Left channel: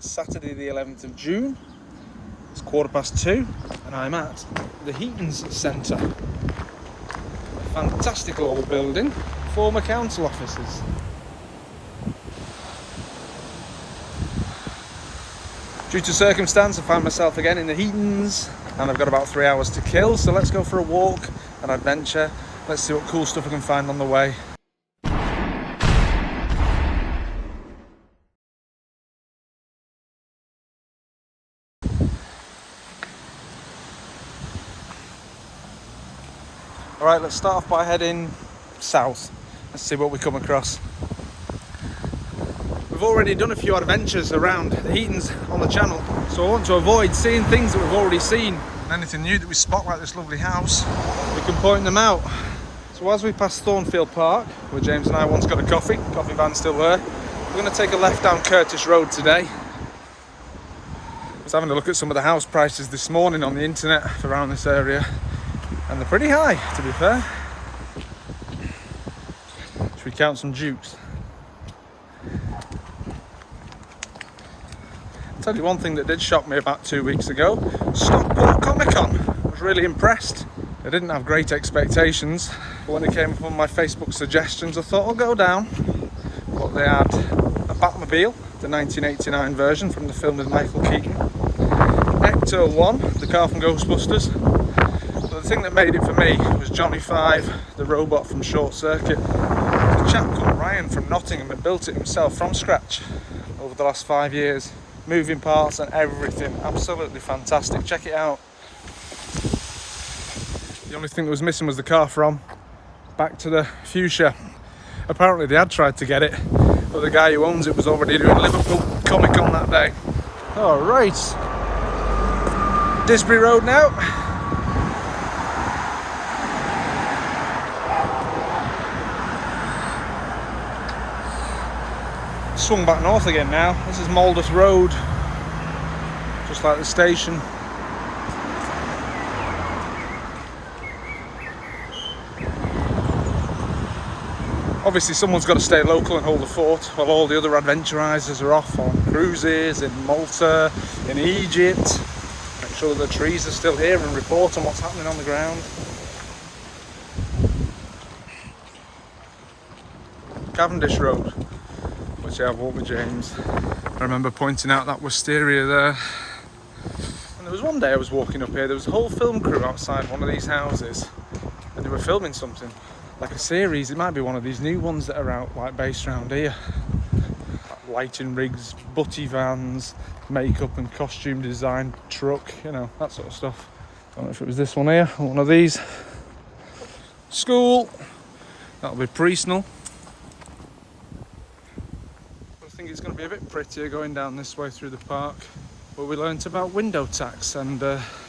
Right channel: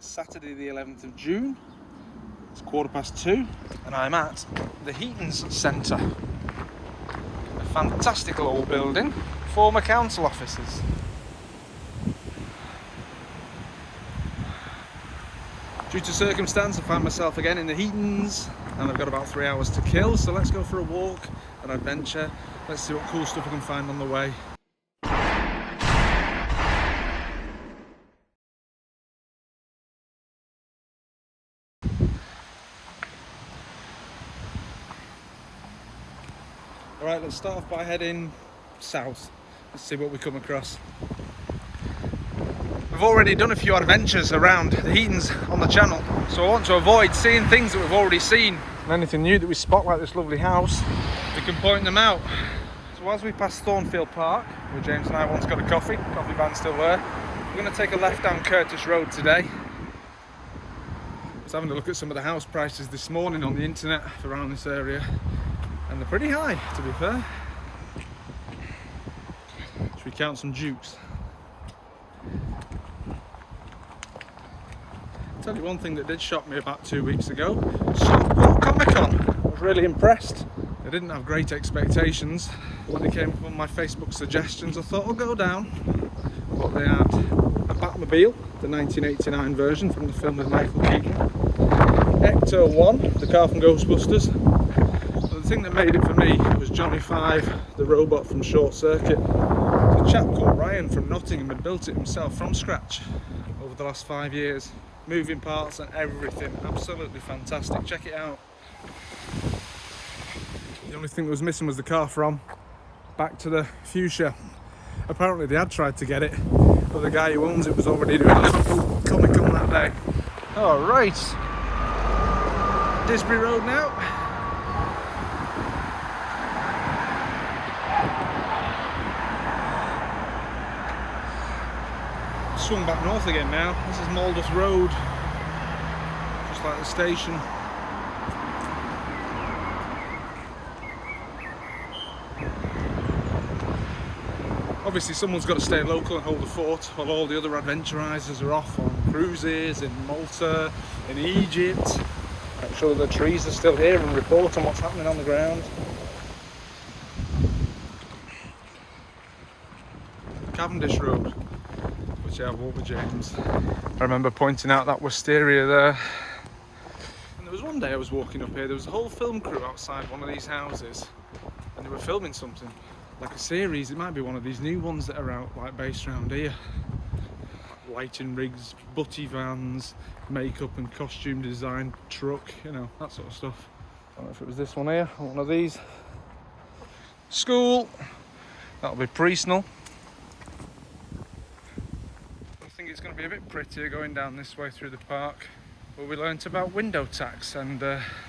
It's Saturday the 11th of June. It's 2:15 and I'm at the Heatons Centre. A fantastic old building, former council offices. Due to circumstance, I find myself again in the Heatons and I've got about 3 hours to kill, so let's go for a walk, an adventure. Let's see what cool stuff I can find on the way. Alright, let's start off by heading south. Let's see what we come across. We've already done a few adventures around the Heatons on the channel, so I want to avoid seeing things that we've already seen. And anything new that we spot, like this lovely house, we can point them out. So as we pass Thornfield Park, where James and I once got a coffee van's still there, we're going to take a left down Curtis Road today. I was having a look at some of the house prices this morning on the internet around this area, and they're pretty high, to be fair. Should we count some dukes? I'll tell you one thing that did shock me about 2 weeks ago. Stockport Comic-Con. I was really impressed. I didn't have great expectations, but when it came up on my Facebook suggestions, I thought I'll go down. But they had a Batmobile, the 1989 version from the film with Michael Keaton. Ecto 1, the car from Ghostbusters. But the thing that made it for me was Johnny 5, the robot from Short Circuit. A chap called Ryan from Nottingham had built it himself from scratch over the last 5 years. Moving parts and everything, absolutely fantastic. Check it out. The only thing that was missing was the car from Back to the Fuchsia. Apparently they had tried to get it, but the guy who owns it was already doing Liverpool Comic Con that day. All right, Disbury Road now. Swung back north again now. This is Mouldeth Road, just like the station. Obviously someone's got to stay local and hold the fort while all the other adventurisers are off on cruises in Malta, in Egypt. Make sure the trees are still here and report on what's happening on the ground. Cavendish Road, which I've walked with James. I remember pointing out that wisteria there. And there was one day I was walking up here, there was a whole film crew outside one of these houses, and they were filming something, like a series. It might be one of these new ones that are out, like based around here. Like lighting rigs, butty vans, makeup and costume design truck, you know, that sort of stuff. I don't know if it was this one here, or one of these. School, that'll be Priestnell. I think it's going to be a bit prettier going down this way through the park, where we learnt about window tax and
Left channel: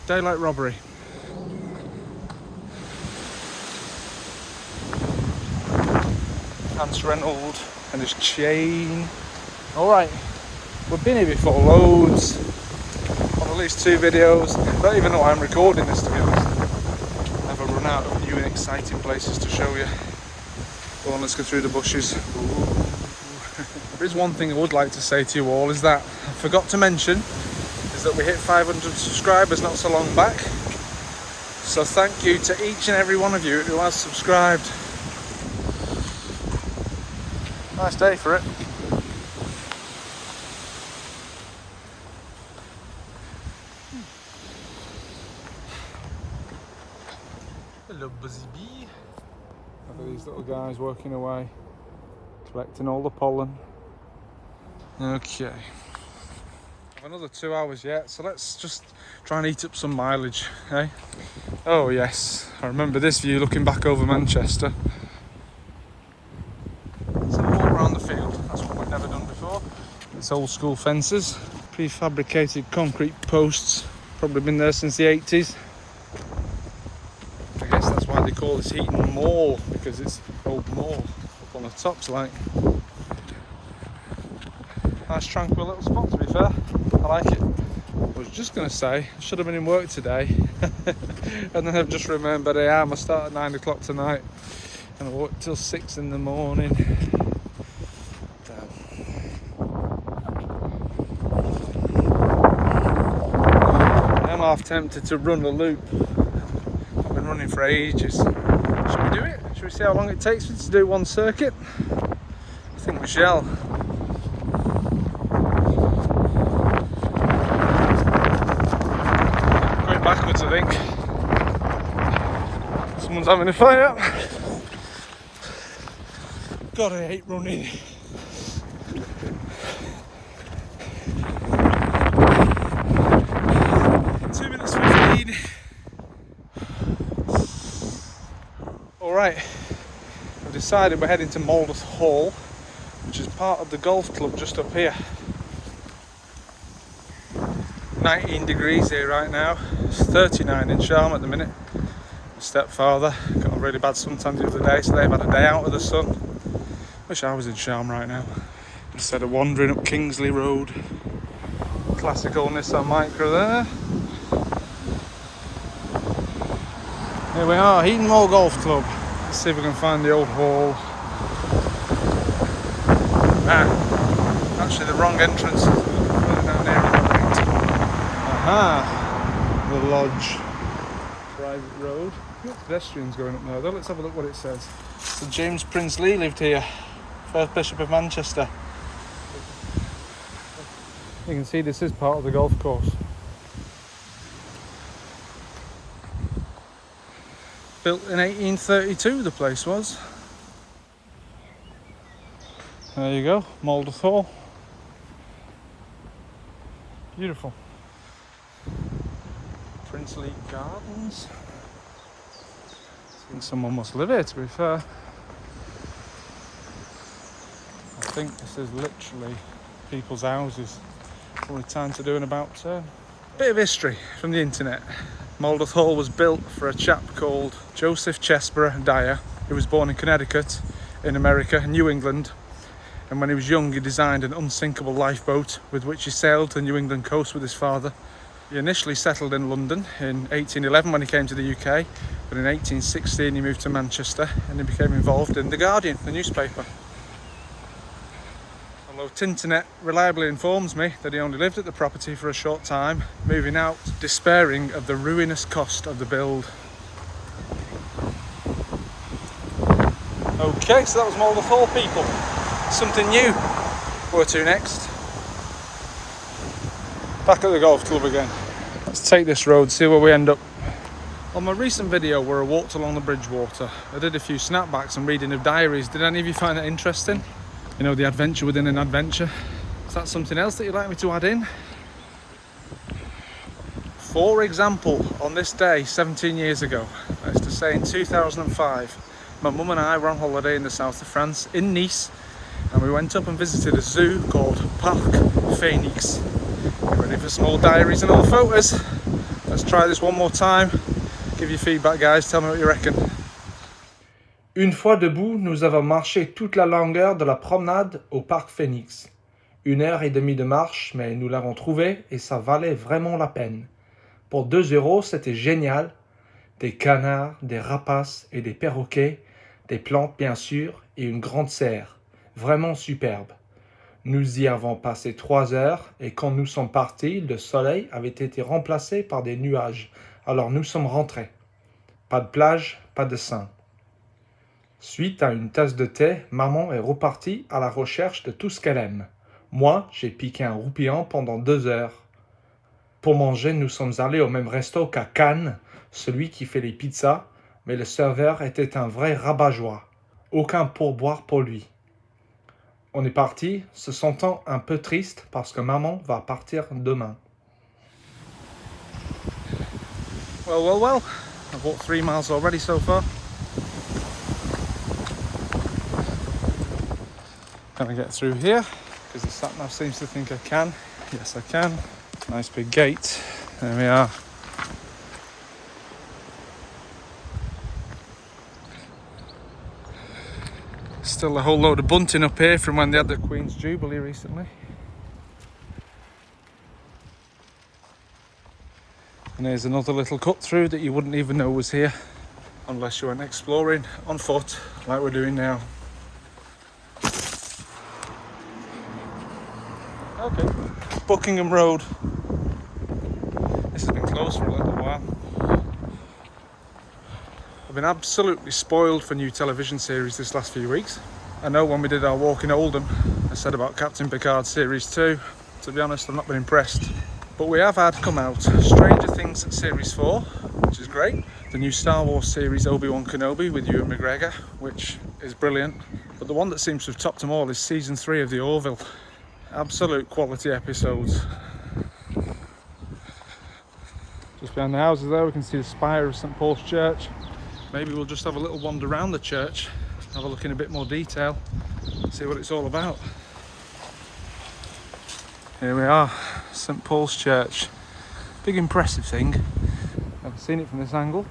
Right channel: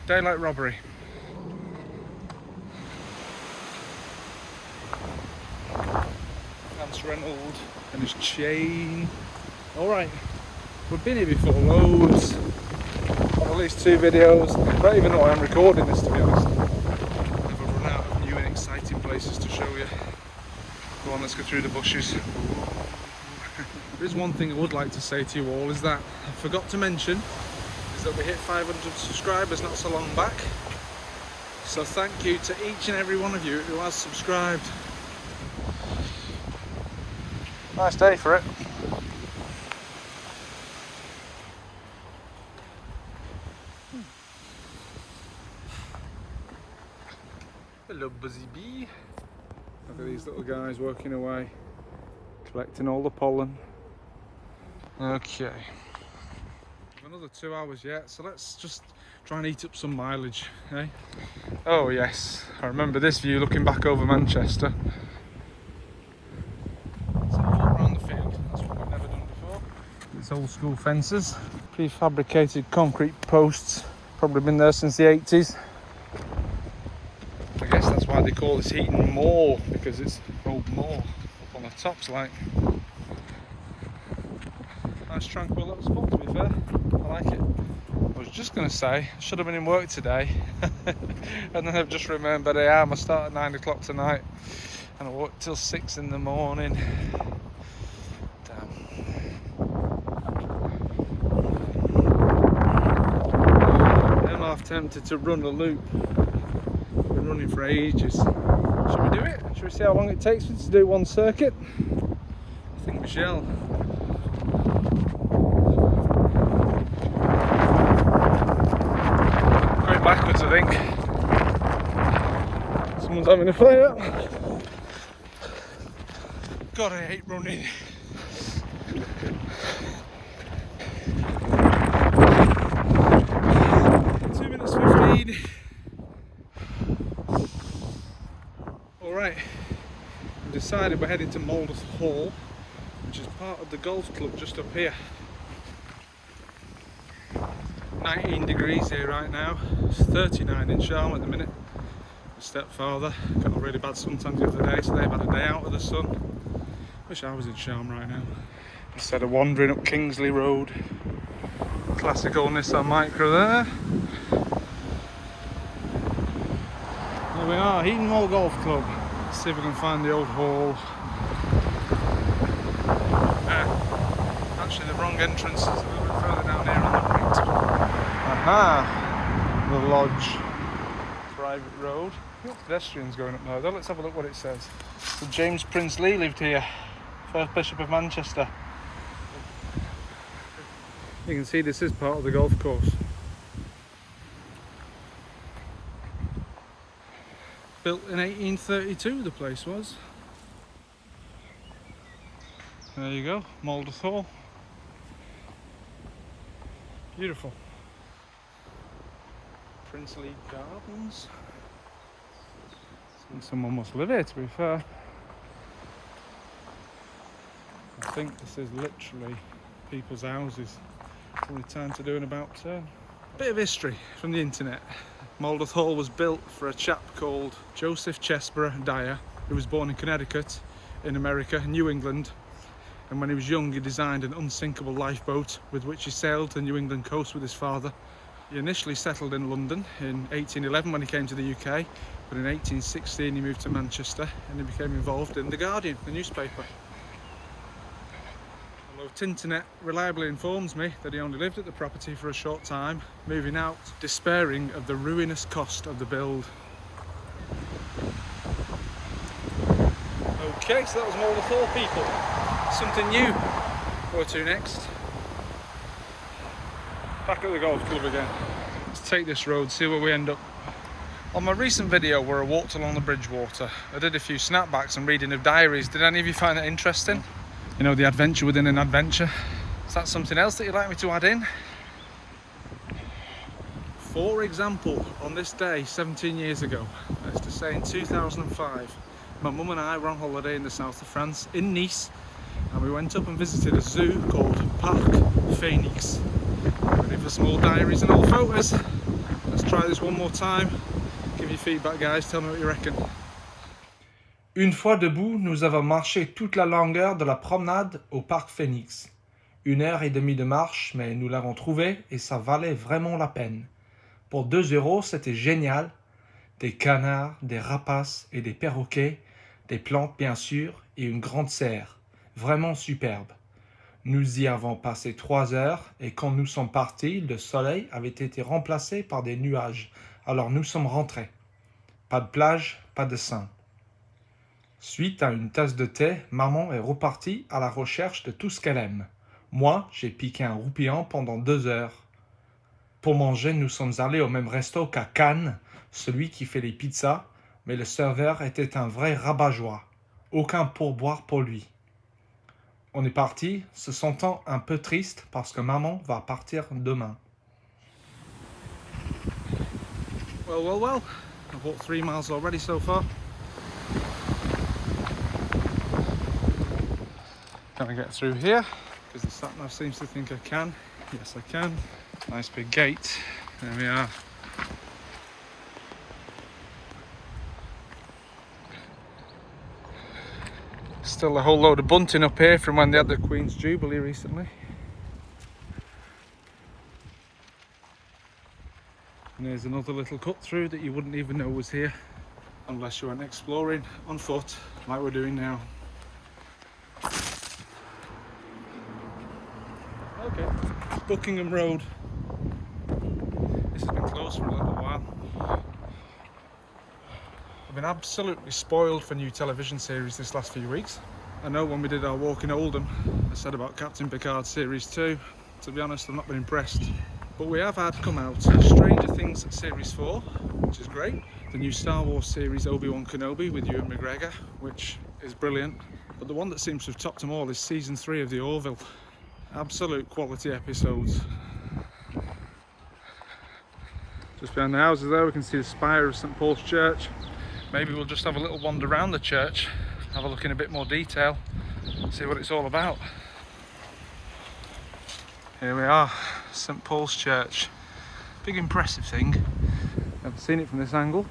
daylight robbery. Hans Reynolds and his chain. Alright, we've been here before loads, on at least 2 videos. I don't even know why I'm recording this, to be honest. I've never run out of new and exciting places to show you. Go on, let's go through the bushes. Ooh. There is one thing I would like to say to you all, is that I forgot to mention, is that we hit 500 subscribers not so long back. So thank you to each and every one of you who has subscribed. Nice day for it. Hello, Buzzy Bee. Look at these little guys working away, collecting all the pollen. Okay. I've another 2 hours yet, so let's just try and eat up some mileage, eh? Oh yes, I remember this view looking back over Manchester. Some more around the field, that's what we've never done before. It's old school fences, prefabricated concrete posts, probably been there since the 80s. I guess that's why they call this Heaton Mall, because it's an old mall up on the tops like. Nice tranquil little spot, to be fair. I like it. I was just going to say, I should have been in work today. And then I've just remembered I am. I start at 9 o'clock tonight. And I work till 6 in the morning. Damn. half tempted to run a loop. I've been running for ages. Should we do it? Should we see how long it takes me to do one circuit? I think we shall. Going backwards, I think. Someone's having a fire. God, I hate running. Alright, I've decided we're heading to Mouldeth Hall, which is part of the golf club just up here. 19 degrees here right now. It's 39 in Sharm at the minute. My stepfather got a really bad suntan the other day, so they've had a day out of the sun. Wish I was in Sharm right now. Instead of wandering up Kingsley Road. Classical Nissan Micra there. Here we are, Heatons Hall Golf Club. Let's see if we can find the old hall. Actually the wrong entrance is a little bit further down here on the right. Aha! The lodge. Private road. Got pedestrians going up there though. Let's have a look what it says. So James Prince-Lee lived here. First Bishop of Manchester. You can see this is part of the golf course. Built in 1832 the place was. There you go, Mouldeth Hall. Beautiful. Princely Gardens. I think someone must live here, to be fair. I think this is literally people's houses. Probably time to do an about turn. Bit of history from the internet. Mouldeth Hall was built for a chap called Joseph Chesborough Dyer, who was born in Connecticut, in America, New England. And when he was young, he designed an unsinkable lifeboat with which he sailed the New England coast with his father. He initially settled in London in 1811 when he came to the UK, but in 1816 he moved to Manchester and he became involved in The Guardian, the newspaper. Although Tinternet reliably informs me that he only lived at the property for a short time, moving out, despairing of the ruinous cost of the build. Okay, so that was Mouldeth Hall, people. Something new. Where to next? Back at the golf club again. Let's take this road, see where we end up. On my recent video where I walked along the Bridgewater, I did a few snapbacks and reading of diaries. Did any of you find that interesting? You know, the adventure within an adventure. Is that something else that you'd like me to add in? For example, on this day 17 years ago, that is to say in 2005, my mum and I were on holiday in the south of France, in Nice, and we went up and visited a zoo called Parc Phoenix. Ready for some old diaries and old photos? Let's try this one more time. Give your feedback, guys, tell me what you reckon. Une fois debout, nous avons marché toute la longueur de la promenade au Parc Phoenix. 1 heure et demie de marche, mais nous l'avons trouvé et ça valait vraiment la peine. Pour 2 €, c'était génial. Des canards, des rapaces et des perroquets, des plantes bien sûr et une grande serre. Vraiment superbe. Nous y avons passé 3 heures et quand nous sommes partis, le soleil avait été remplacé par des nuages. Alors nous sommes rentrés. Pas de plage, pas de sein. Suite à une tasse de thé, maman est repartie à la recherche de tout ce qu'elle aime. Moi, j'ai piqué un roupillon pendant 2 heures. Pour manger, nous sommes allés au même resto qu'à Cannes, celui qui fait les pizzas, mais le serveur était un vrai rabat-joie. Aucun pourboire pour lui. On est parti, se sentant un peu triste parce que maman va partir demain. Well. I've walked 3 miles already so far. Can I get through here? Because the sat-nav seems to think I can. Yes, I can. Nice big gate. There we are. Still a whole load of bunting up here from when they had the Queen's Jubilee recently. And here's another little cut through that you wouldn't even know was here unless you went exploring on foot like we're doing now. Okay, Buckingham Road. This has been closed for a little while. I've been absolutely spoiled for new television series this last few weeks. I know when we did our walk in Oldham, I said about Captain Picard Series 2. To be honest, I've not been impressed. But we have had come out Stranger Things Series 4, which is great. The new Star Wars series Obi-Wan Kenobi with Ewan McGregor, which is brilliant. But the one that seems to have topped them all is Season 3 of The Orville. Absolute quality episodes. Just behind the houses there we can see the spire of St Paul's Church. Maybe we'll just have a little wander around the church, have a look in a bit more detail, see what it's all about. Here we are, St Paul's Church. Big impressive thing. Never seen it from this angle.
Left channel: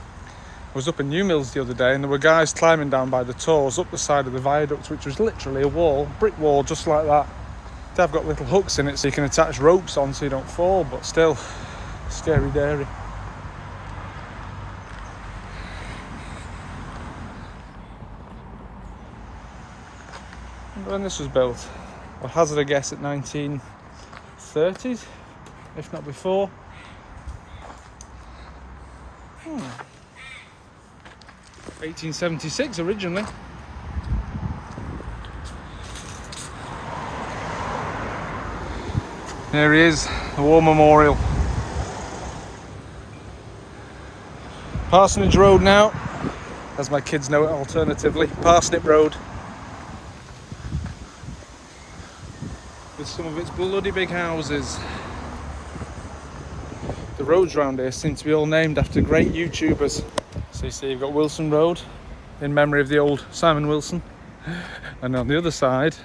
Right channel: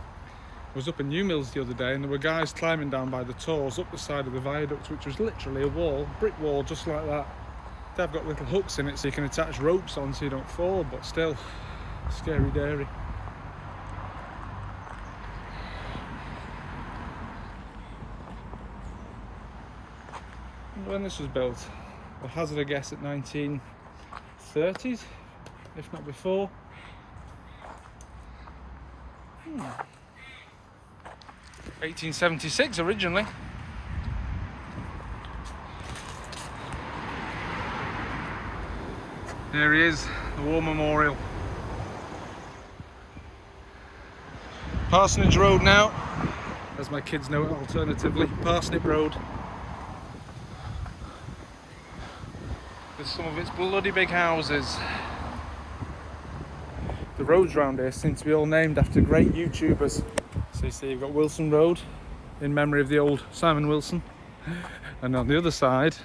I was up in New Mills the other day and there were guys climbing down by the tors up the side of the viaduct, which was literally a wall, brick wall just like that. They've got little hooks in it so you can attach ropes on so you don't fall, but still, scary dairy. When this was built, I'll hazard a guess at 1930s, if not before. 1876 originally. There he is, the War Memorial. Parsonage Road now, as my kids know it alternatively, Parsnip Road. With some of its bloody big houses. The roads around here seem to be all named after great YouTubers. So you see you've got Wilson Road, in memory of the old Simon Wilson. And on the other side,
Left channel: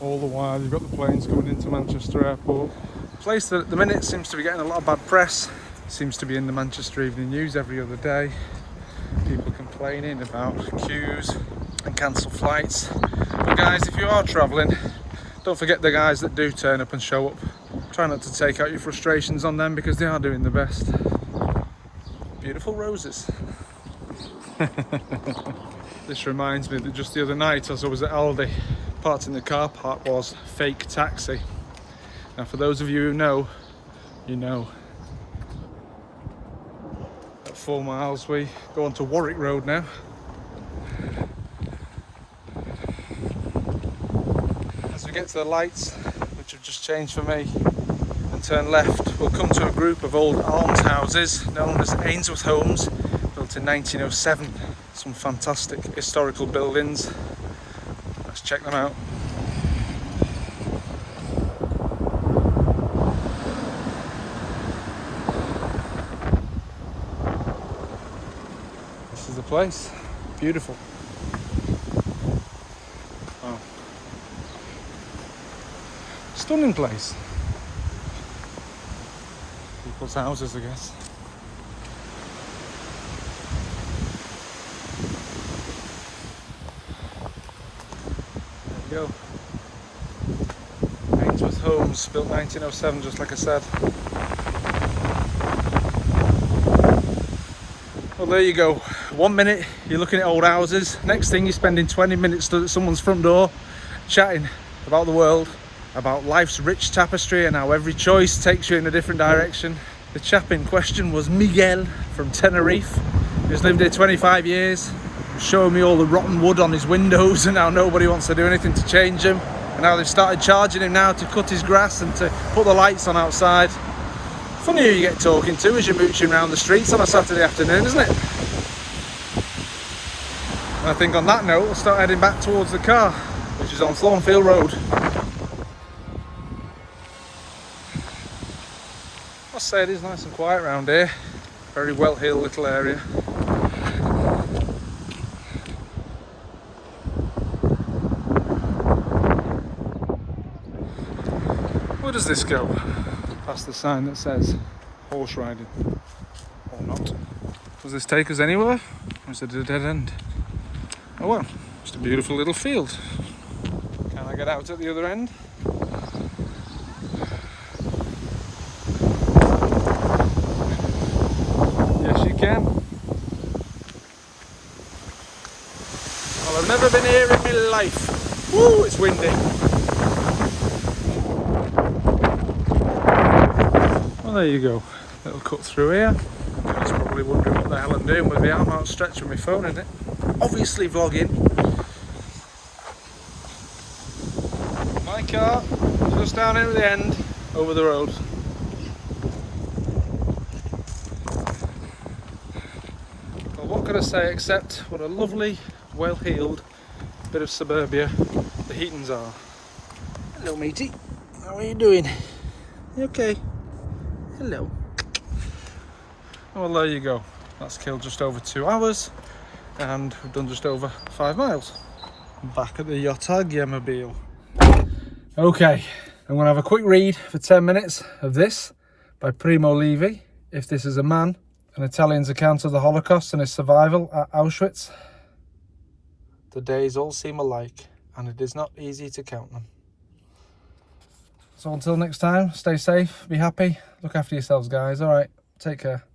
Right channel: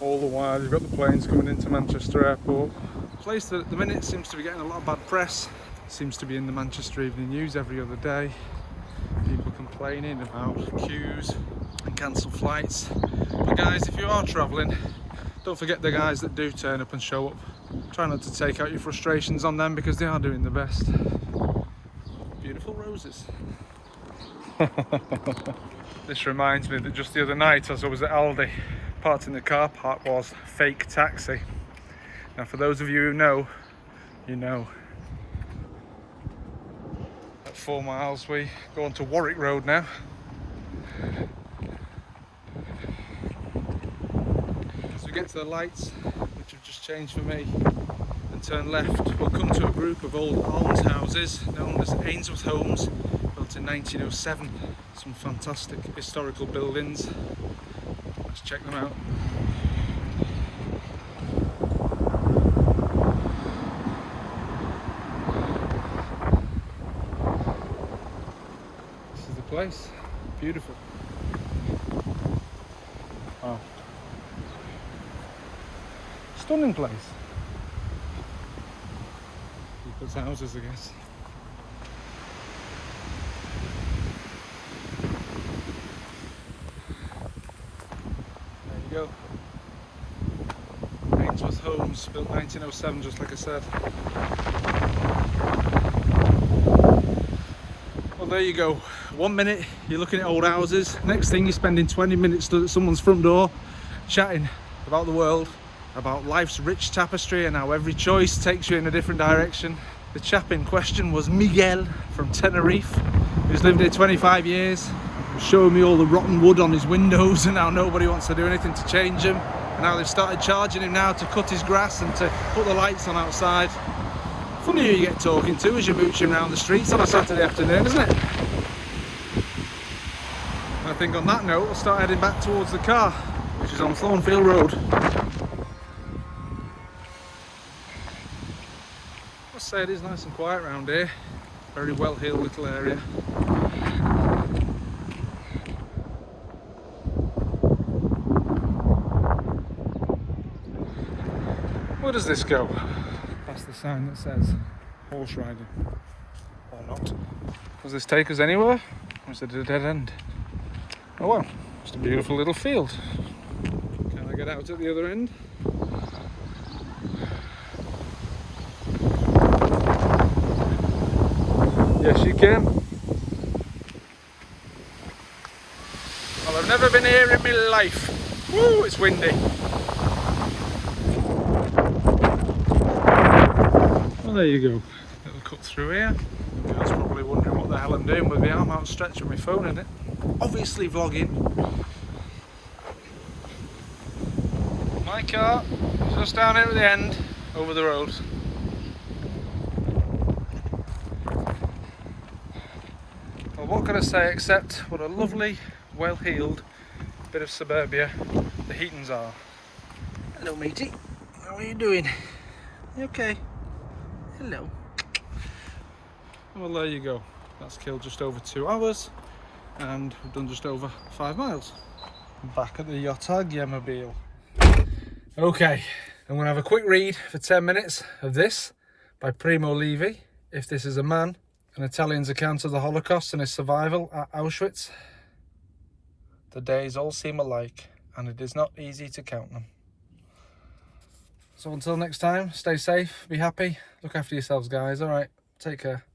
all the while you've got the planes coming into Manchester Airport. A place that at the minute seems to be getting a lot of bad press. Seems to be in the Manchester Evening News every other day. People complaining about queues and cancelled flights. But guys, if you are travelling, don't forget the guys that do turn up and show up. Try not to take out your frustrations on them because they are doing the best. Beautiful roses. This reminds me that just the other night as I was at Aldi, parked in the car park was fake taxi. Now for those of you who know, you know. 4 miles we go on to Warwick Road now. As we get to the lights, which have just changed for me, and turn left, we'll come to a group of old almshouses known as Ainsworth homes, built in 1907. Some fantastic historical buildings. Let's check them out. Place, beautiful. Wow, stunning place. People's houses, I guess. There we go. Ainsworth Homes, built 1907, just like I said. Well, there you go. 1 minute you're looking at old houses, next thing you're spending 20 minutes stood at someone's front door chatting about the world, about life's rich tapestry and how every choice takes you in a different direction. The chap in question was Miguel from Tenerife, who's lived here 25 years, showing me all the rotten wood on his windows and how nobody wants to do anything to change them, and how they've started charging him now to cut his grass and to put the lights on outside. Funny who you get talking to as you're mooching around the streets on a Saturday afternoon, isn't it? And I think on that note, we'll start heading back towards the car, which is on Thornfield Road. I must say it is nice and quiet around here. Very well-heeled little area. Where does this go? That's the sign that says horse riding, or not. Does this take us anywhere, or is it a dead end? Oh well, just a beautiful little field. Can I get out at the other end? Yes, you can. Well, I've never been here in my life. Woo, it's windy. Well, there you go. Little cut through here. Everyone's probably wondering what the hell I'm doing with the arm outstretched with my phone in it. Obviously vlogging. My car just down here at the end, over the road. Well, what can I say except what a lovely, well-heeled bit of suburbia the Heatons are. Hello matey, how are you doing? You okay? Hello. Well, there you go. That's killed just over 2 hours and we've done just over 5 miles. Back at the Yachtagmobile. Okay, I'm going to have a quick read for 10 minutes of this by Primo Leafy, If This Is a Man, an Italian's account of the Holocaust and his survival at Auschwitz. The days all seem alike, and it is not easy to count them. So until next time, stay safe, be happy, look after yourselves guys, alright, take care.